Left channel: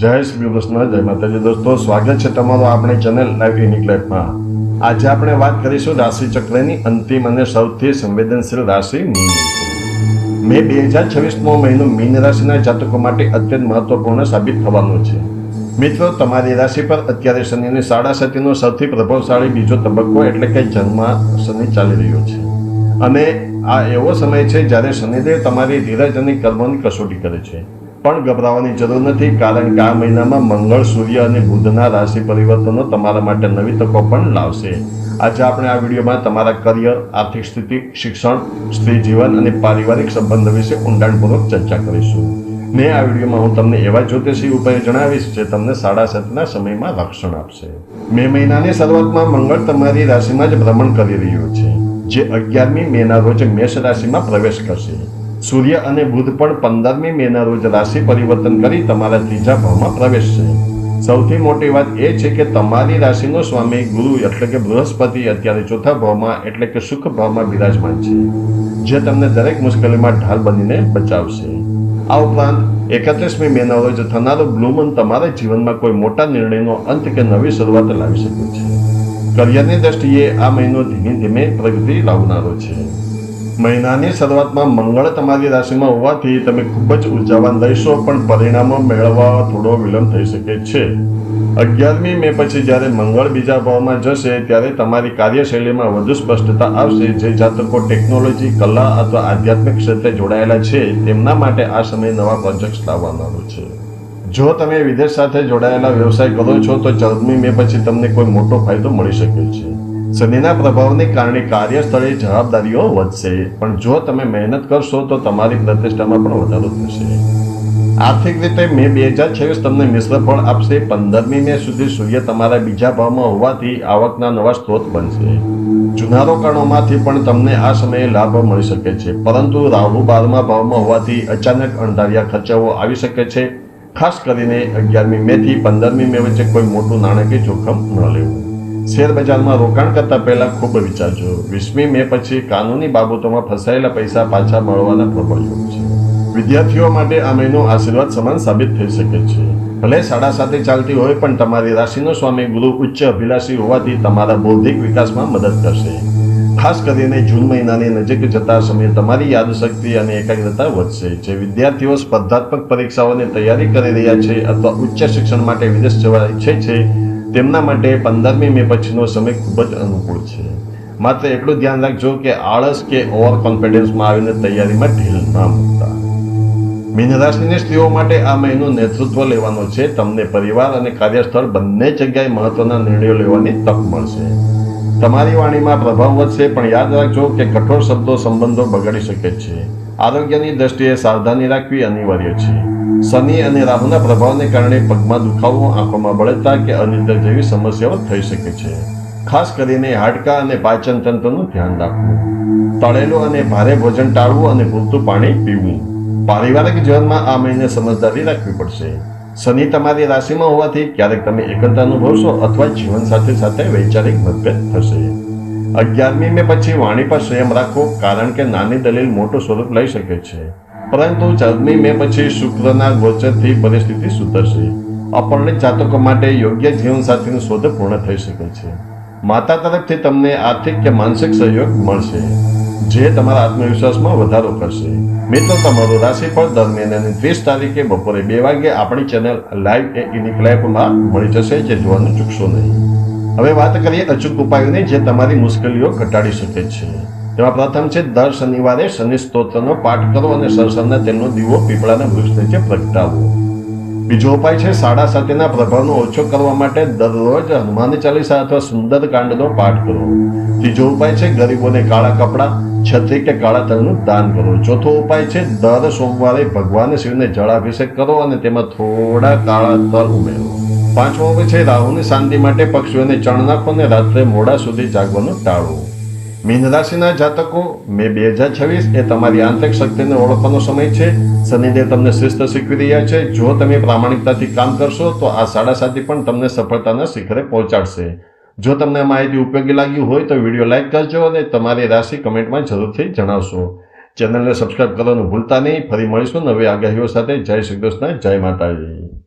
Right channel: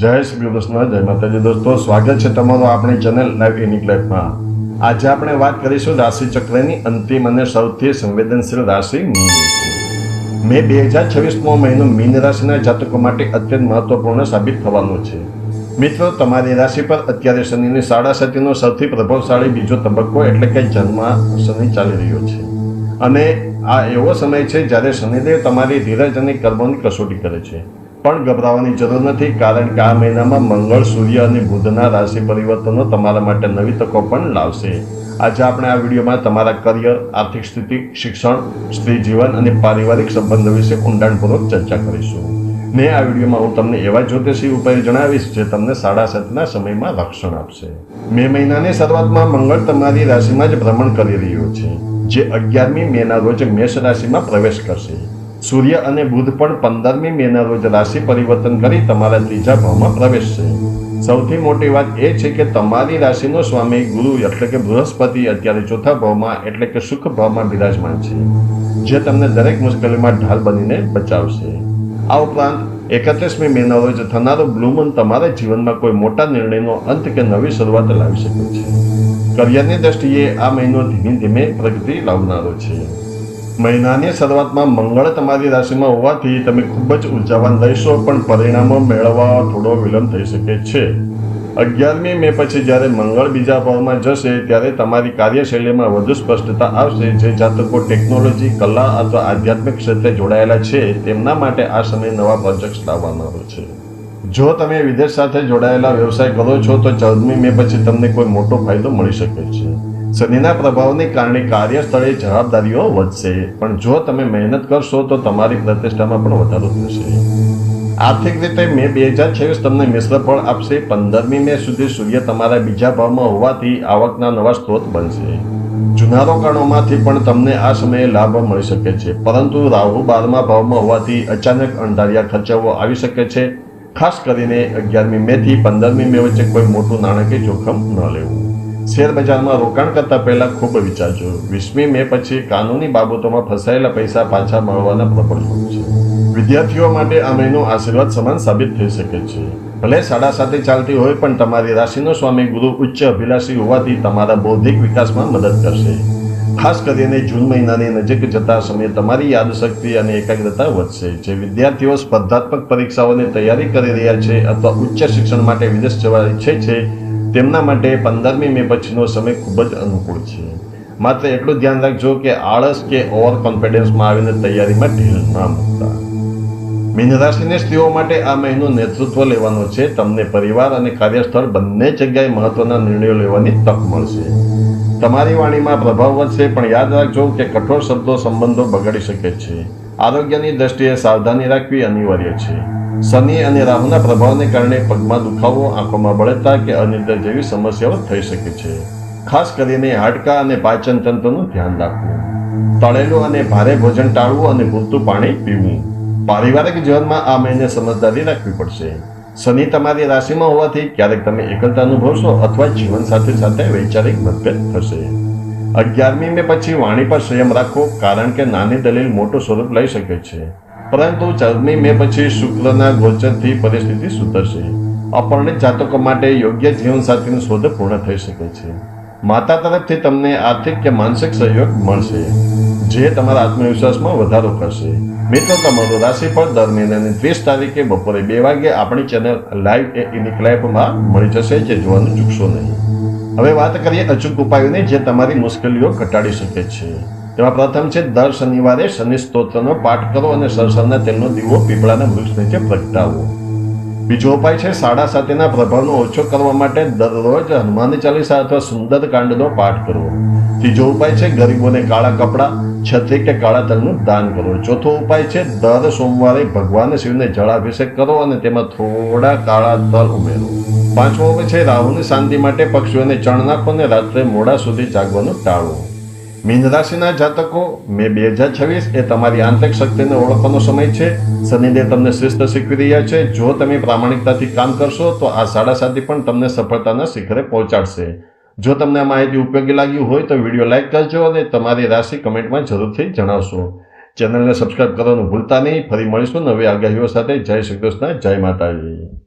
જય શ્રી કૃષ્ણ, જય માતાજી. દોસ્તો, સ્વાગત છે તમારું આપણી ચેનલ લાઈવ યુનિક લાઈફમાં. આજે આપણે વાત કરીશું રાશિ ચક્રની અંતિમ અને સૌથી સંવેદનશીલ રાશિ મીન વિશે. મે 2026નો મહિનો મીન રાશિના જાતકો માટે અત્યંત મહત્વપૂર્ણ સાબિત થવાનો છે. મિત્રો, તમારી રાશિ પર અત્યારે શનિની સાડા સતીનો સૌથી પ્રભાવશાળી બીજો તબક્કો એટલે કે જન્મ શનિ ચાલી રહ્યો છે. અને આ એવો સમય છે જ્યારે શનિદેવ તમારી ધીરજ અને કર્મોની કસોટી કરે છે. પણ ગભરાવાની જરૂર નથી, કારણ કે આ મહિનામાં મંગળ, સૂર્ય અને બુધના રાશિ પરિવર્તનો તમારા માટે નવી તકો પણ લાવશે. આજે આપણે આ વિડીયોમાં તમારા કરિયર, આર્થિક સ્થિતિ, શિક્ષણ, સ્ત્રી જીવન અને પારિવારિક સંબંધો વિશે ઊંડાણપૂર્વક ચર્ચા કરીશું. ને આ વિડીયોમાં હું તમને એવા જ્યોતિષી ઉપાયો જણાવીશ જે તમને સાડા સતના સમયમાં રક્ષણ આપશે. મે મહિનાની શરૂઆતમાં મંગળ તમારી રાશિમાં જ ભ્રમણ કરી રહ્યો છે, જે 11મી મેના રોજ મેષ રાશિમાં પ્રવેશ કરશે. સૂર્ય અને બુધ પણ 15મી મેના રોજ રાશિ પરિવર્તન કરી તમારા ત્રીજા ભાવમાં પ્રવેશશે. સૌથી મોટી વાત એ છે કે તમારી રાશિનો સ્વામી ગુરુ એટલે કે બૃહસ્પતિ અત્યારે ચોથા ભાવમાં એટલે કે સુખ ભાવમાં બિરાજમાન છે, જે તમને દરેક મુશ્કેલીમાં ઢાલ બનીને બચાવશે. આ ઉપરાંત 31મી મેના રોજ થનારો બ્લુ મૂન તમારા જીવનમાં કોઈ મોટા નિર્ણયનો અંત કે નવી શરૂઆત લાવી શકે છે. કરિયરની દ્રષ્ટિએ આ મહિનો ધીમે ધીમે પ્રગતિ લાવનારો છે. મહિનાની શરૂઆતમાં મંગળ તમારી રાશિમાં હોવાથી તમે ખૂબ જ ઉર્જાવાન રહેશો, પણ પરિણામો મેળવવા થોડો વિલંબ થઈ શકે છે. 11મી મે પછી જ્યારે મંગળ બીજા ભાવમાં જશે ત્યારે તમારી કાર્યશૈલીમાં વધુ સ્પષ્ટતા આવશે. જે જાતકો ટેકનોલોજી, કલા અથવા આધ્યાત્મિક ક્ષેત્રે જોડાયેલા છે તેમના માટે આ સમય નવા પ્રોજેક્ટ્સ લાવવાનો છે. જો તમે વિદેશ સાથે જોડાયેલા વ્યવસાય કરો છો તો 14મી મે પછી તમને કોઈ મોટો ફાયદો મળી શકે છે. શનિના પ્રભાવને કારણે કાર્યસ્થળે જવાબદારીઓ વધશે, પણ જો તમે મહેનત કરશો તો તમારી પ્રતિષ્ઠામાં પણ વધારો થશે. આર્થિક રીતે મે 2026 તમને મિશ્ર ફળ આપશે. 15મી મે સુધી સૂર્ય તમારા બીજા ભાવમાં હોવાથી આવકના નવા સ્ત્રોત બનશે. જૂના રોકાણોમાંથી પણ તમને આ સમયે લાભ મળી શકે છે, પરંતુ રાહુ 12મા ભાવમાં હોવાથી અચાનક અણધાર્યા ખર્ચાઓ આવી શકે છે. ખાસ કરીને 11મી મે થી 15મી મે વચ્ચે કોઈ મોટું નાણાકીય જોખમ ન લેવું. શેર બજારમાં રોકાણ કરતા પહેલા ખૂબ વિચારજો. 20મી મે પછી કાનૂની બાબતોમાં ફસાયેલા પૈસા પાછા મળવાના પ્રબળ યોગ છે. વિદ્યાર્થીઓ માટે આ મહિનો આશીર્વાદ સમાન સાબિત થઈ શકે છે. ભલે સાડા સાતે ચાલતી હોય, પણ તમારી રાશિનો સ્વામી ગુરુ ઉચ્ચ અભિલાષી હોવાથી તમારા બૌદ્ધિક વિકાસમાં મદદ કરશે. ખાસ કરીને જૂન મહિનાની નજીક જતા સમયે તમારી યાદશક્તિ અને એકાગ્રતા વધશે. જે વિદ્યાર્થીઓ સ્પર્ધાત્મક પરીક્ષાઓની તૈયારી કરી રહ્યા છે અથવા ઉચ્ચ શિક્ષણ માટે વિદેશ જવા ઈચ્છે છે તેમના માટે 15મી મે પછીનો સમય ખૂબ જ અનુકૂળ છે. માત્ર એટલું ધ્યાન રાખજો કે આળસ કે ઓવર કોન્ફિડન્સમાં આવીને તૈયારીમાં ઢીલ ના મૂકતા. મીન રાશિની સ્ત્રીઓ માટે આ મહિનો નેતૃત્વ લેવાનો છે. તમને પરિવાર અને કાર્યસ્થળ બંને જગ્યાએ મહત્વના નિર્ણયો લેવાની તક મળશે. તમારી વાણીમાં પ્રભાવ વધશે, પણ યાદ રાખજો કે કઠોર શબ્દો સંબંધો બગાડી શકે છે. આરોગ્યની દ્રષ્ટિએ સાવધાની રાખવી અનિવાર્ય છે. શનિ અને રાહુના પ્રભાવને કારણે પગમાં દુખાવો, આંખોમાં બળતરા કે અનિદ્રા જેવી સમસ્યાઓ થઈ શકે છે. ખાસ કરીને હાડકાં અને પાચન તંત્રનું ધ્યાન રાખવું. તળેલું અને ભારે ભોજન ટાળવું અને પૂરતું પાણી પીવું. પારિવારિક જીવનમાં આ મહિને સમજદારી રાખવી પડશે. શનિ તમારી રાશિમાં હોવાથી ક્યારેક તમે એકલતા અનુભવશો અથવા જીવનસાથી સાથે વૈચારિક મતભેદ થશે. 11મી મે પછી વાણી પર સંયમ રાખો, કારણ કે નાની દલીલ મોટું સ્વરૂપ લઈ શકે છે. પરંતુ 14મી મે પછી શુક્રના ગોચરથી પરિસ્થિતિ સુધરશે. અપરિણિત જાતકો માટે યોગ્ય જીવનસાથીની શોધ પૂર્ણ થઈ શકે છે. માતા તરફથી તમને આર્થિક કે માનસિક સહયોગ મળશે, જે તમારા આત્મવિશ્વાસમાં વધારો કરશે. મિત્રો, તમારું રાશિફળ દર મહિનાની 30 તારીખે બપોરે 2 વાગે આપણી ચેનલ લાઈવ યુનિક લાઈફમાં મળી જશે, જે જોવાનું ચૂકશો નહીં. હવે વાત કરીએ અચૂક ઉપાયોની જે તમારી મુશ્કેલીઓ ઘટાડી શકે છે. તેમાં પ્રથમ છે દર શનિવારે શનિ સ્તોત્રનો પાઠ કરો અને સરસવના તેલનો દીવો પીપળાના વૃક્ષ નીચે પ્રગટાવો. બીજો ઉપાય છે સાડા સાતેના પ્રભાવનો ઓછો કરવા માટે દરરોજ હનુમાન ચાલીસા અથવા સુંદરકાંડનો પાઠ કરો. ત્રીજો ઉપાય છે ગરીબોને કાળા કપડાં, છત્રી કે કાળા તલનું દાન કરો. ચોથો ઉપાય છે દર સોમવારે ભગવાન શિવને જળાભિષેક કરો અને તેમાં થોડા કાળા તલ ઉમેરો. પાંચમો ઉપાય છે રાહુની શાંતિ માટે પક્ષીઓને ચણ નાખો અને રાત્રે મોડા સુધી જાગવાનું ટાળો. મીન રાશિના જાતકો, મે 2026 એ તમારી આંતરિક શક્તિને ઓળખવાનો સમય છે. શનિદેવ તમને શિસ્ત શીખવી રહ્યા છે. જો તમે પ્રામાણિકતાથી કામ કરશો તો આ સાડા સાતી પણ તમને સફળતાના શિખરે પહોંચાડશે. જો તમને આ માહિતી ઉપયોગી લાગી હોય તો વિડીયો લાઇક કરજો અને તમારી રાશિ કમેન્ટમાં જરૂરથી જણાવશો. ચેનલને સબસ્ક્રાઇબ કરવાનું ભૂલતા નહીં. ફરી મળીશું નવી આગાહીઓ સાથે. જય શ્રી કૃષ્ણ, જય માતાજી.